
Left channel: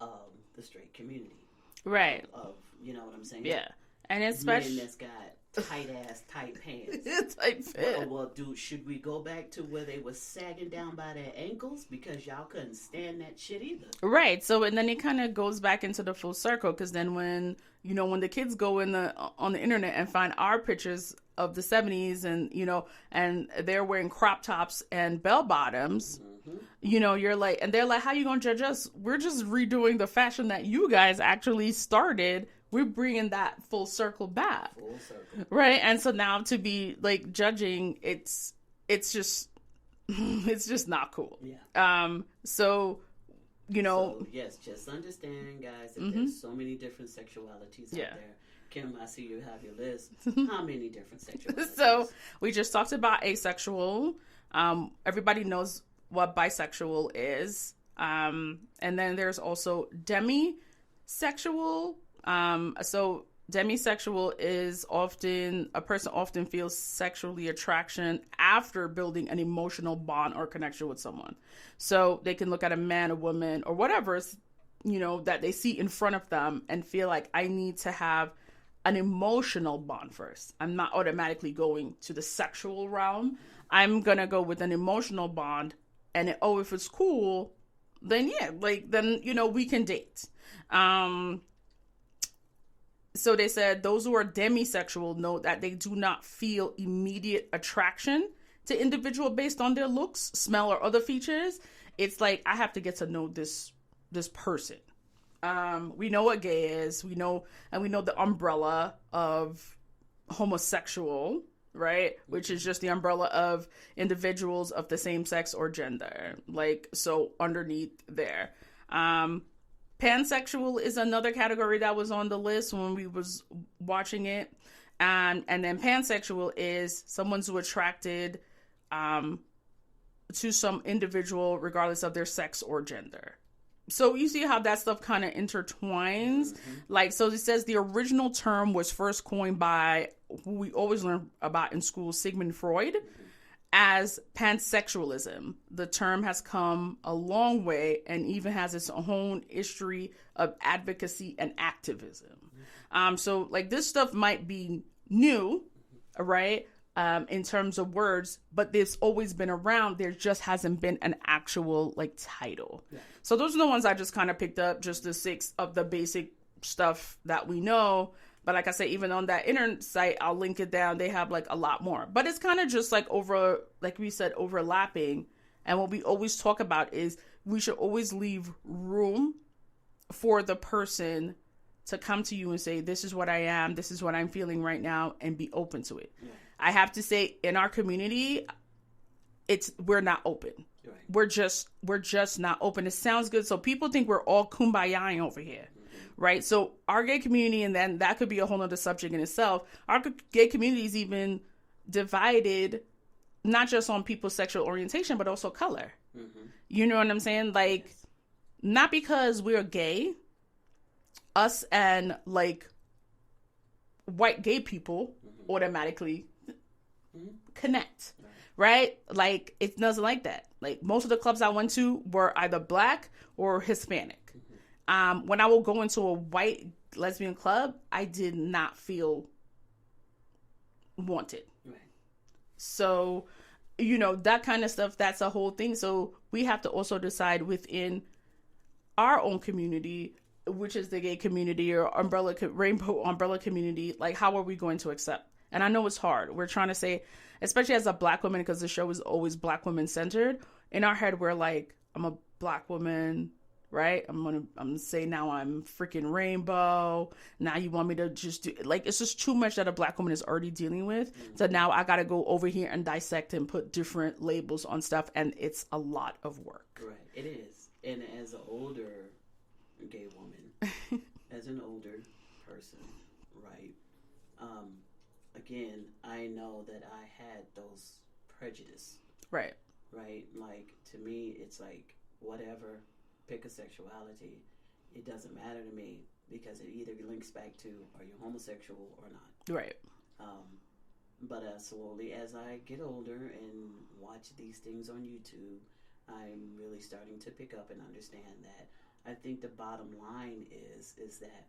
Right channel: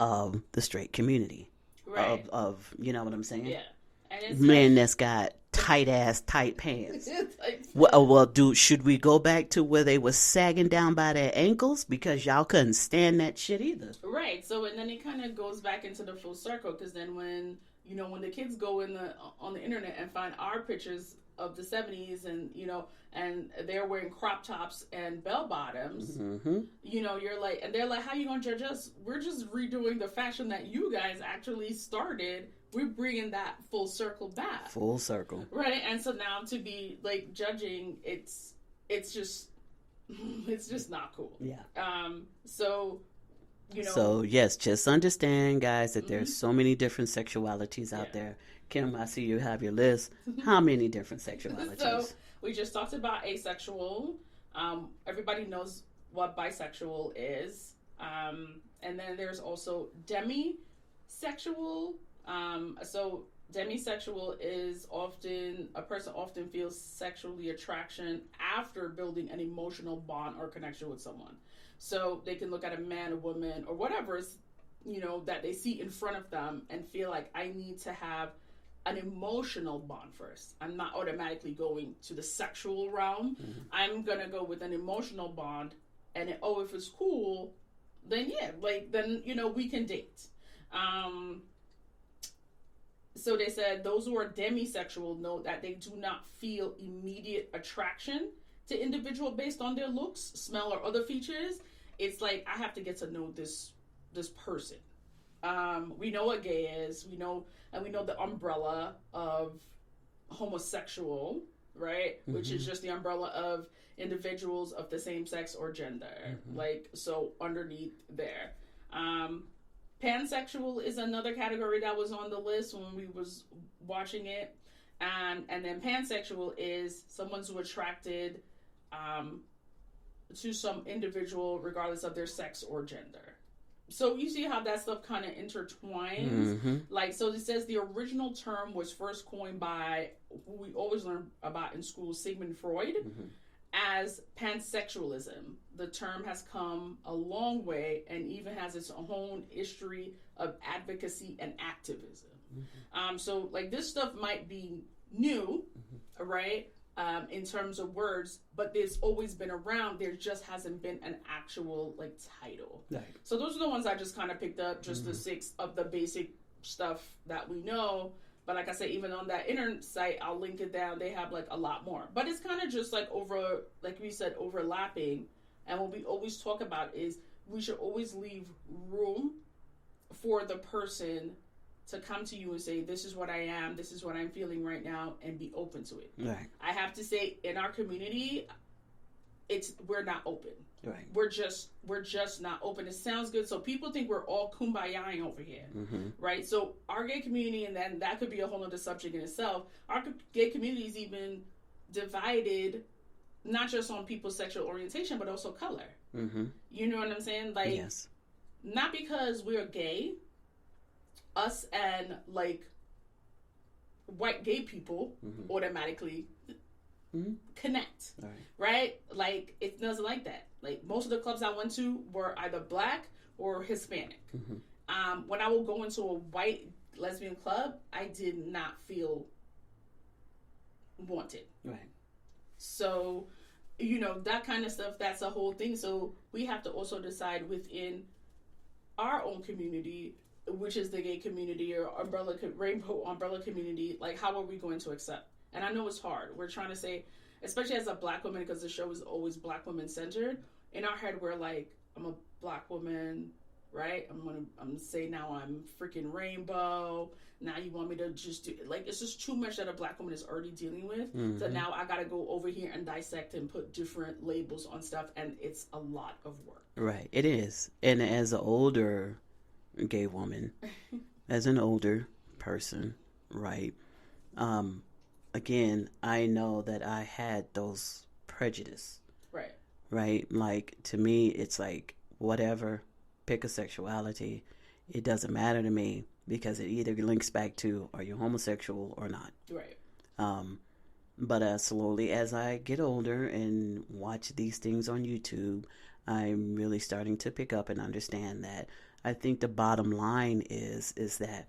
of the straight community? Right. Of you know what I'm saying? Yeah. And it's men that's got tight pants. Well, dude, should we go back to where they were sagging down by their ankles because y'all couldn't stand that shit either? Right. So, and then it kind of goes back into the full circle, because then when the kids go on the internet and find our pictures of the 70s, and and they're wearing crop tops and bell bottoms, you're like, and they're like, how you gonna judge us? We're just redoing the fashion that you guys actually started. We're bringing that full circle back. Full circle. Right. And so now to be like judging, it's just not cool. Yeah. So yes, just understand, guys, that there's so many different sexualities out there. Kim, I see you have your list. How many different sexualities? So we just talked about asexual. Everybody knows what bisexual is. And then there's also demisexual. So demisexual is a person often feels sexually attraction after building an emotional bond or connection with someone. So they can look at a man, a woman, or whatever, that they see in front of them and feel like, I need to have an emotional bond first. I'm not automatically going to the sexual realm. I'm going to go with an emotional bond. And if it's cool, then we can date. So they said those who are demisexual know that they do not feel immediate attraction to individual based on their looks, smell, or other features. It's like, I have to get to know this person. We know what gay is. We know the umbrella of homosexual, right? Which is just the umbrella of individuals of the same sex or gender. Like, so underneath there. Pansexual is another category that was on the list when we was watching it. And then pansexual is someone's who attracted to some individual regardless of their sex or gender. So you see how that stuff kind of intertwines. Like, so it says the original term was first coined by who we always learn about in school, Sigmund Freud, as pansexualism. The term has come a long way and even has its own history of advocacy and activism. So like, this stuff might be new, right? in terms of words, but they've always been around. There just hasn't been an actual like title. Right. So those are the ones I just kind of picked up, just the 6 of the basic stuff that we know. But like I said, even on that internet site, I'll link it down. They have like a lot more, but it's kind of just like like we said, overlapping. And what we always talk about is we should always leave room for the person to come to you and say, this is what I am, this is what I'm feeling right now, and be open to it. Right. I have to say, in our community, we're not open. Right. We're just not open. It sounds good. So people think we're all kumbaya over here. Mm-hmm. Right? So our gay community, and then that could be a whole other subject in itself, our gay community is even divided, not just on people's sexual orientation, but also color. Mm-hmm. You know what I'm saying? Like, yes. Not because we're gay, us and like white gay people automatically connect, right? Like, it doesn't like that. Like, most of the clubs I went to were either black or Hispanic. When I would go into a white lesbian club, I did not feel wanted. Right. So, you know, that kind of stuff, that's a whole thing. So we have to also decide within our own community, which is the gay community or rainbow umbrella community, like, how are we going to accept? And I know it's hard. We're trying to say, especially as a black woman, because the show is always black women centered. In our head, we're like, I'm a black woman, right? I'm gonna say now I'm freaking rainbow. Now you want me to just do, like, it's just too much that a black woman is already dealing with. Mm-hmm. So now I gotta go over here and dissect and put different labels on stuff, and it's a lot of work. Right, it is. And as an older gay woman, as an older person, right? Again, I know that I had those prejudice. Right? Like, to me, it's like, whatever, pick a sexuality. It doesn't matter to me, because it either links back to, are you homosexual or not? Right. But slowly, as I get older and watch these things on YouTube, I'm really starting to pick up and understand that I think the bottom line is that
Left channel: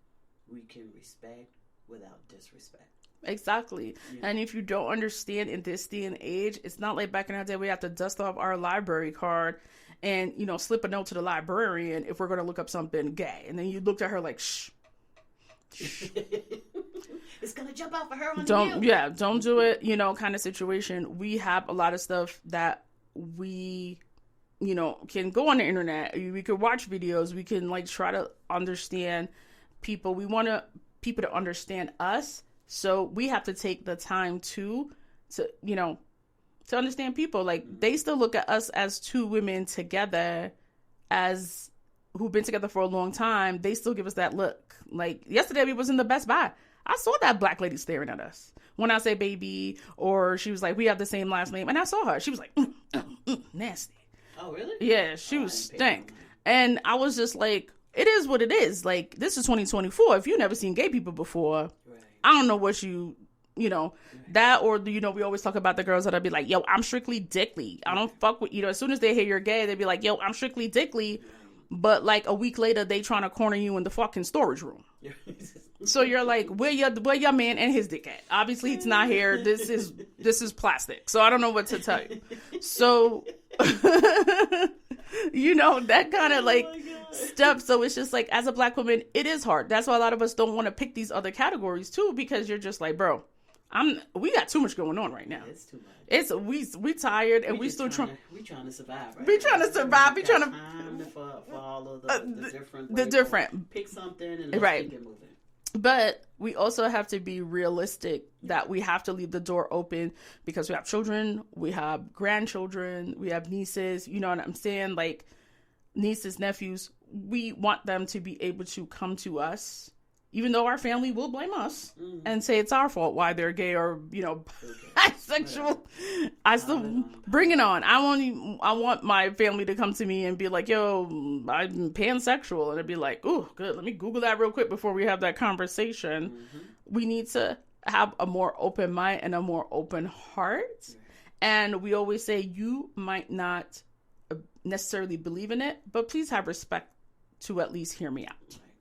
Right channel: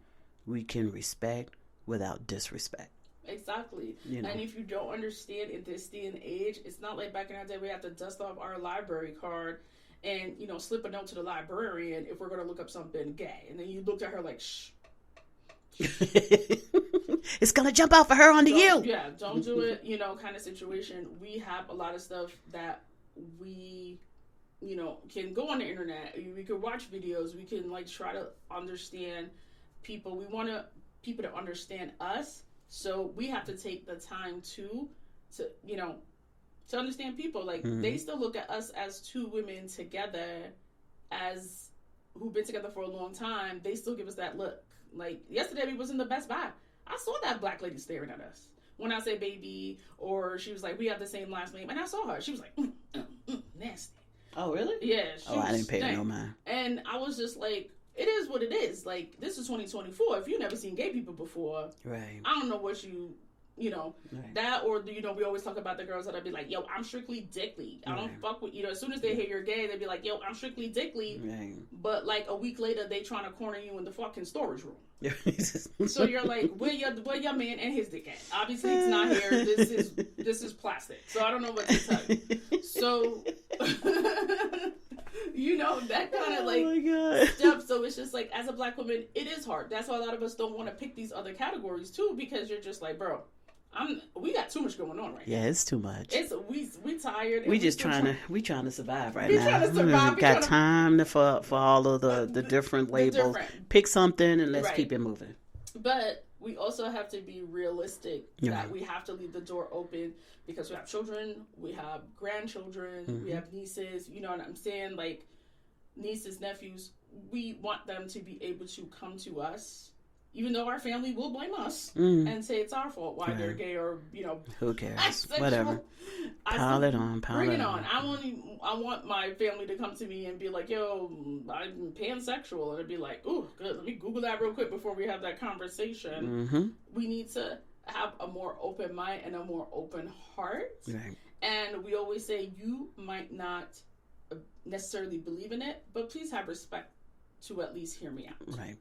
we can respect without disrespect. Exactly. You know? And if you don't understand in this day and age, it's not like back in our day we have to dust off our library card and, you know, slip a note to the librarian if we're going to look up something gay. And then you looked at her like, shh. It's going to jump out for her onto you. Yeah, don't do it, you know, kind of situation. We have a lot of stuff that we, you know, can go on the internet. We could watch videos. We can, like, try to understand people. We want people to understand us. So we have to take the time to you know, to understand people. Like, they still look at us as two women together, as who've been together for a long time. They still give us that look. Like, yesterday we was in the Best Buy. I saw that black lady staring at us when I say baby, or she was like, we have the same last name. And I saw her. She was like, nasty. Oh, really? Yeah, she was stank. And I was just like, it is what it is. Like, this is 2024. If you've never seen gay people before, right, I don't know what you know, right, that, or, you know, we always talk about the girls that'll be like, yo, I'm strictly dickly. I don't fuck with, you know, as soon as they hear you're gay, they'll be like, yo, I'm strictly dickly. Right. But like a week later, they trying to corner you in the fucking storage room. So you're like, where your man and his dick at? Obviously it's not here. This is plastic. So I don't know what to tell you. So you know, that kind of like stuff. So it's just like, as a black woman, it is hard. That's why a lot of us don't want to pick these other categories too, because you're just like, bro, we got too much going on right now. Yeah, it's too much. It's we tired, and we just we trying to survive right now. We trying to survive. We got time for all of the different labels. Pick something and let's keep it moving. But we also have to be realistic that we have to leave the door open, because we have children, we have grandchildren, we have nieces. You know what I'm saying? Like, nieces, nephews. We want them to be able to come to us, even though our family will blame us and say it's our fault why they're gay, or, you know, who cares? Whatever. Bring it on. I want my family to come to me and be like, yo, I'm pansexual. And it'd be like, oh, good. Let me Google that real quick before we have that conversation. Mm-hmm. We need to have a more open mind and a more open heart. Right. And we always say, you might not necessarily believe in it, but please have respect to at least hear me out. Right.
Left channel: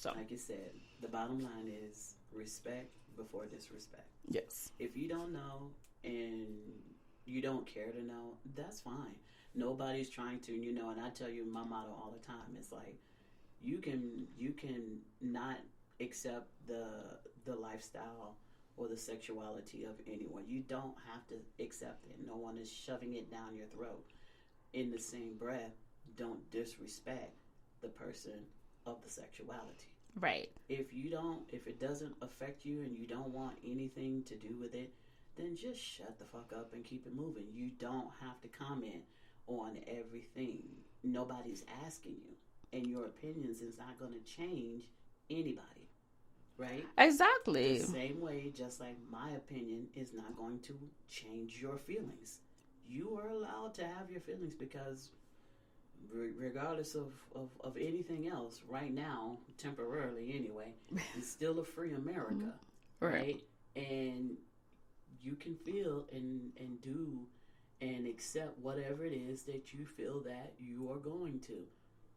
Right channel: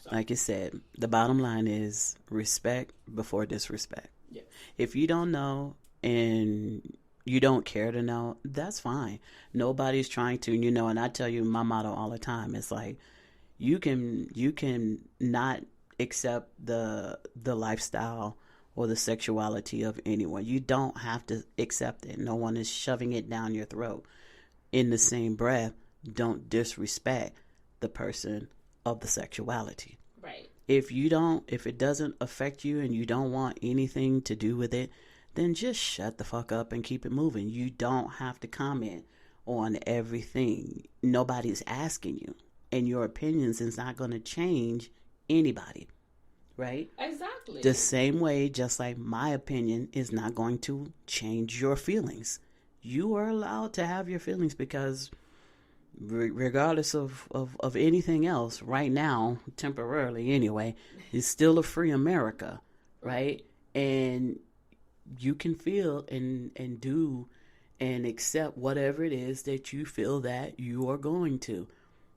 So. Like you said, the bottom line is respect before disrespect. Yes. If you don't know and you don't care to know, that's fine. Nobody's trying to, and I tell you my motto all the time. It's like, you can not accept the lifestyle or the sexuality of anyone. You don't have to accept it. No one is shoving it down your throat. In the same breath, don't disrespect the person of the sexuality. Right. If it doesn't affect you and you don't want anything to do with it, then just shut the fuck up and keep it moving. You don't have to comment on everything. Nobody's asking you. And your opinions is not going to change anybody. Right? Exactly. The same way, just like my opinion is not going to change your feelings. You are allowed to have your feelings, because regardless of anything else, right now, temporarily anyway, it's still a free America, right? And you can feel and do and accept whatever it is that you feel that you are going to,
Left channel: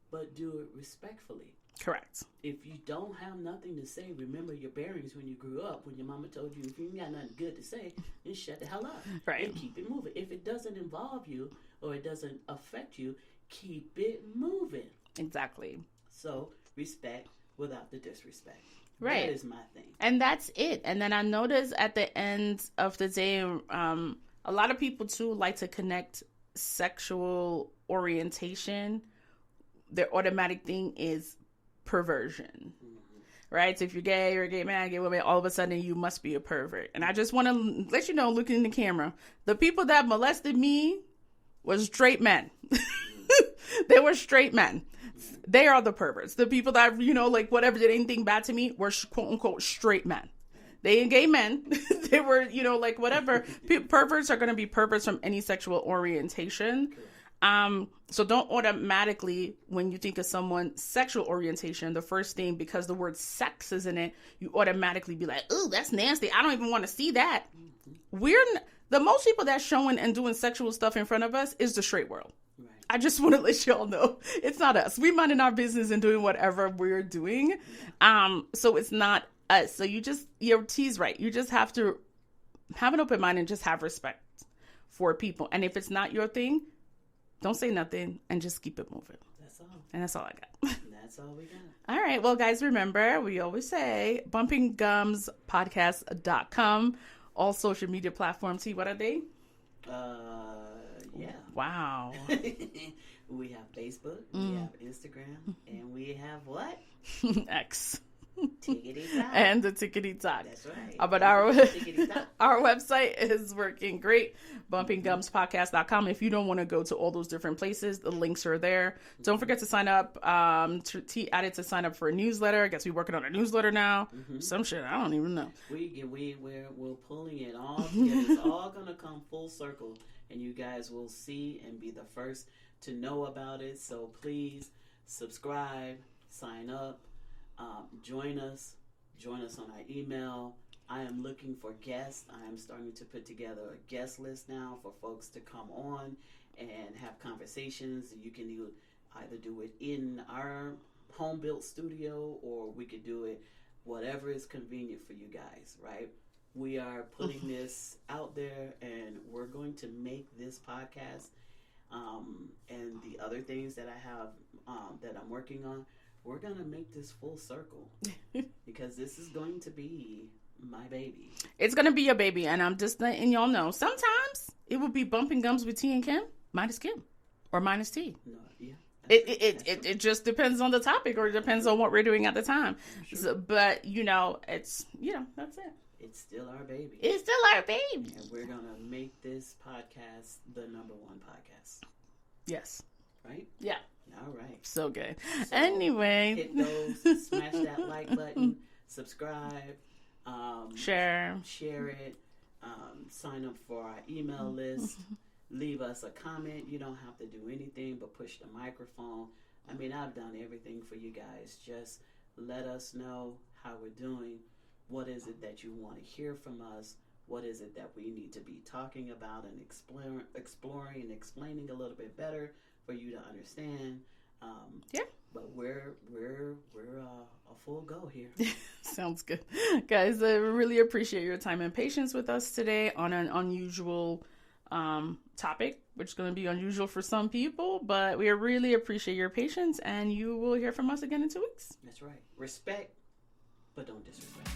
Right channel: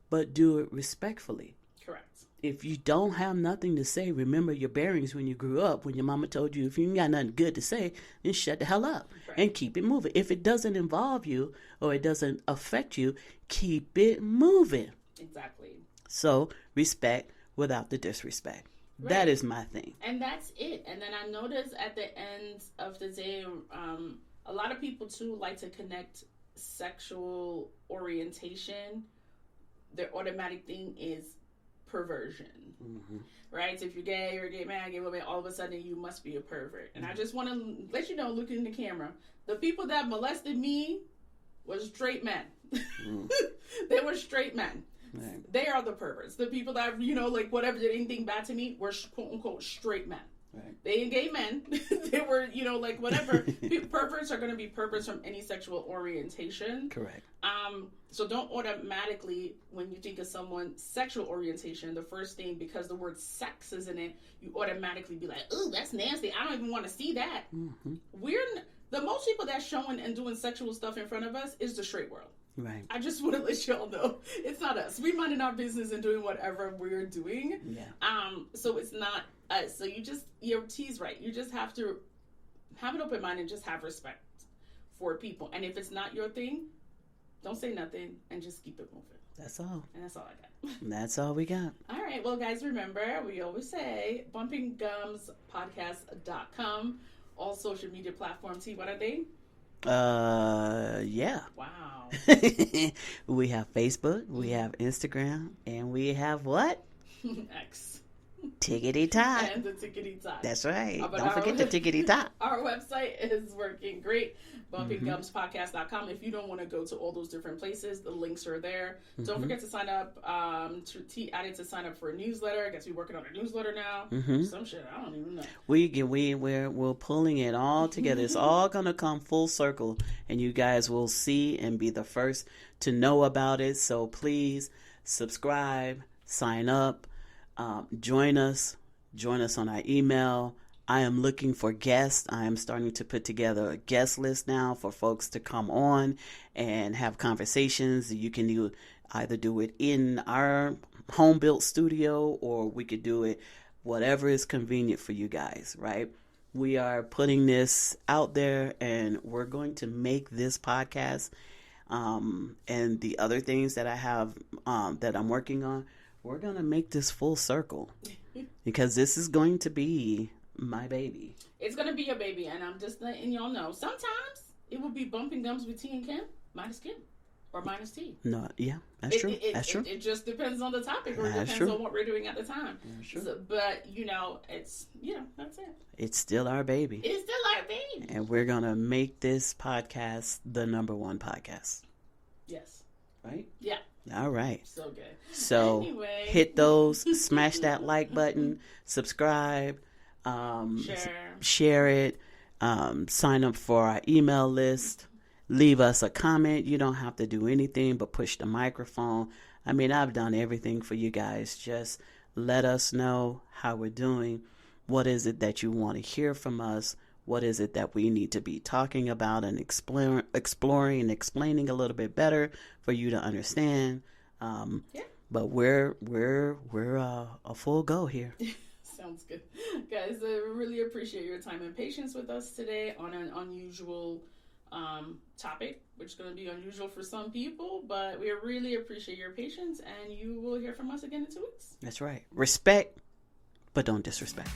but do it respectfully. Correct. If you don't have nothing to say, remember your bearings when you grew up, when your mama told you, if you ain't got nothing good to say, then shut the hell up and keep it moving. If it doesn't involve you or it doesn't affect you, keep it moving. Exactly. So respect without the disrespect. Right. That is my thing. And that's it. And then I noticed at the end of the day, a lot of people too like to connect sexual orientation. Their automatic thing is perversion, right? So if you're gay or a gay man, gay woman, all of a sudden you must be a pervert. And I just want to let you know, looking in the camera, the people that molested me was straight men. They were straight men. Right. They are the perverts. The people that, whatever did anything bad to me were quote unquote straight men. Right. They ain't gay men. They were, whatever. Perverts are going to be perverts from any sexual orientation. Correct. So don't automatically, when you think of someone's sexual orientation, the first thing, because the word sex is in it, you automatically be like, ooh, that's nasty. I don't even want to see that. The most people that's showing and doing sexual stuff in front of us is the straight world. Right. I just want to let y'all know it's not us. We minding our business and doing whatever we're doing. Yeah. So it's not us. So your T's right. You just have to have an open mind and just have respect for people. And if it's not your thing, don't say nothing and just keep it moving. That's all. And that's all I got. That's all we got. All right. Well, guys, remember, we always say bumpinggumspodcast.com. All social media platforms. See, what are they? Yeah. Wow. We have Facebook, we have Instagram, and we have what? X. Tickety Tock. And the Tickety Tock. That's right. But our Tickety Tock. Our website is working great. bumpinggumspodcast.com. If you don't want to go to all those different places, the links are there. Don't forget to sign up. Added to sign up for a newsletter. I guess we're working on a newsletter now. Some shit I don't even know. We're pulling it all together. It's all gonna come full circle, and you guys will see and be the first to know about it. So please subscribe, sign up, join us on our email. I am looking for guests. I am starting to put together a guest list now for folks to come on and have conversations. You can either do it in our home-built studio, or we could do it whatever is convenient for you guys, right? We are putting this out there, and we're going to make this podcast and the other things that I have that I'm working on, we're going to make this full circle because this is going to be my baby. It's gonna be your baby, and I'm just letting y'all know. Sometimes it will be bumping gums with T and Kim, minus Kim, or minus T. No, yeah, that's true. It just depends on the topic, or it depends on what we're doing at the time. So, but it's that's it. It's still our baby. It's still our baby, and we're gonna make this podcast the #1 podcast. Yes. Right. Yeah. All right. So good. So anyway, hit those, smash that like button, subscribe. Share it, sign up for our email list, leave us a comment. You don't have to do anything but push the microphone. I mean, I've done everything for you guys. Just let us know how we're doing. What is it that you want to hear from us? What is it that we need to be talking about and exploring and explaining a little bit better for you to understand? but we're a full go here. Sounds good. Guys, I really appreciate your time and patience with us today on an unusual topic, which is going to be unusual for some people, but we really appreciate your patience, and you will hear from us again in 2 weeks. That's right. Respect, but don't disrespect.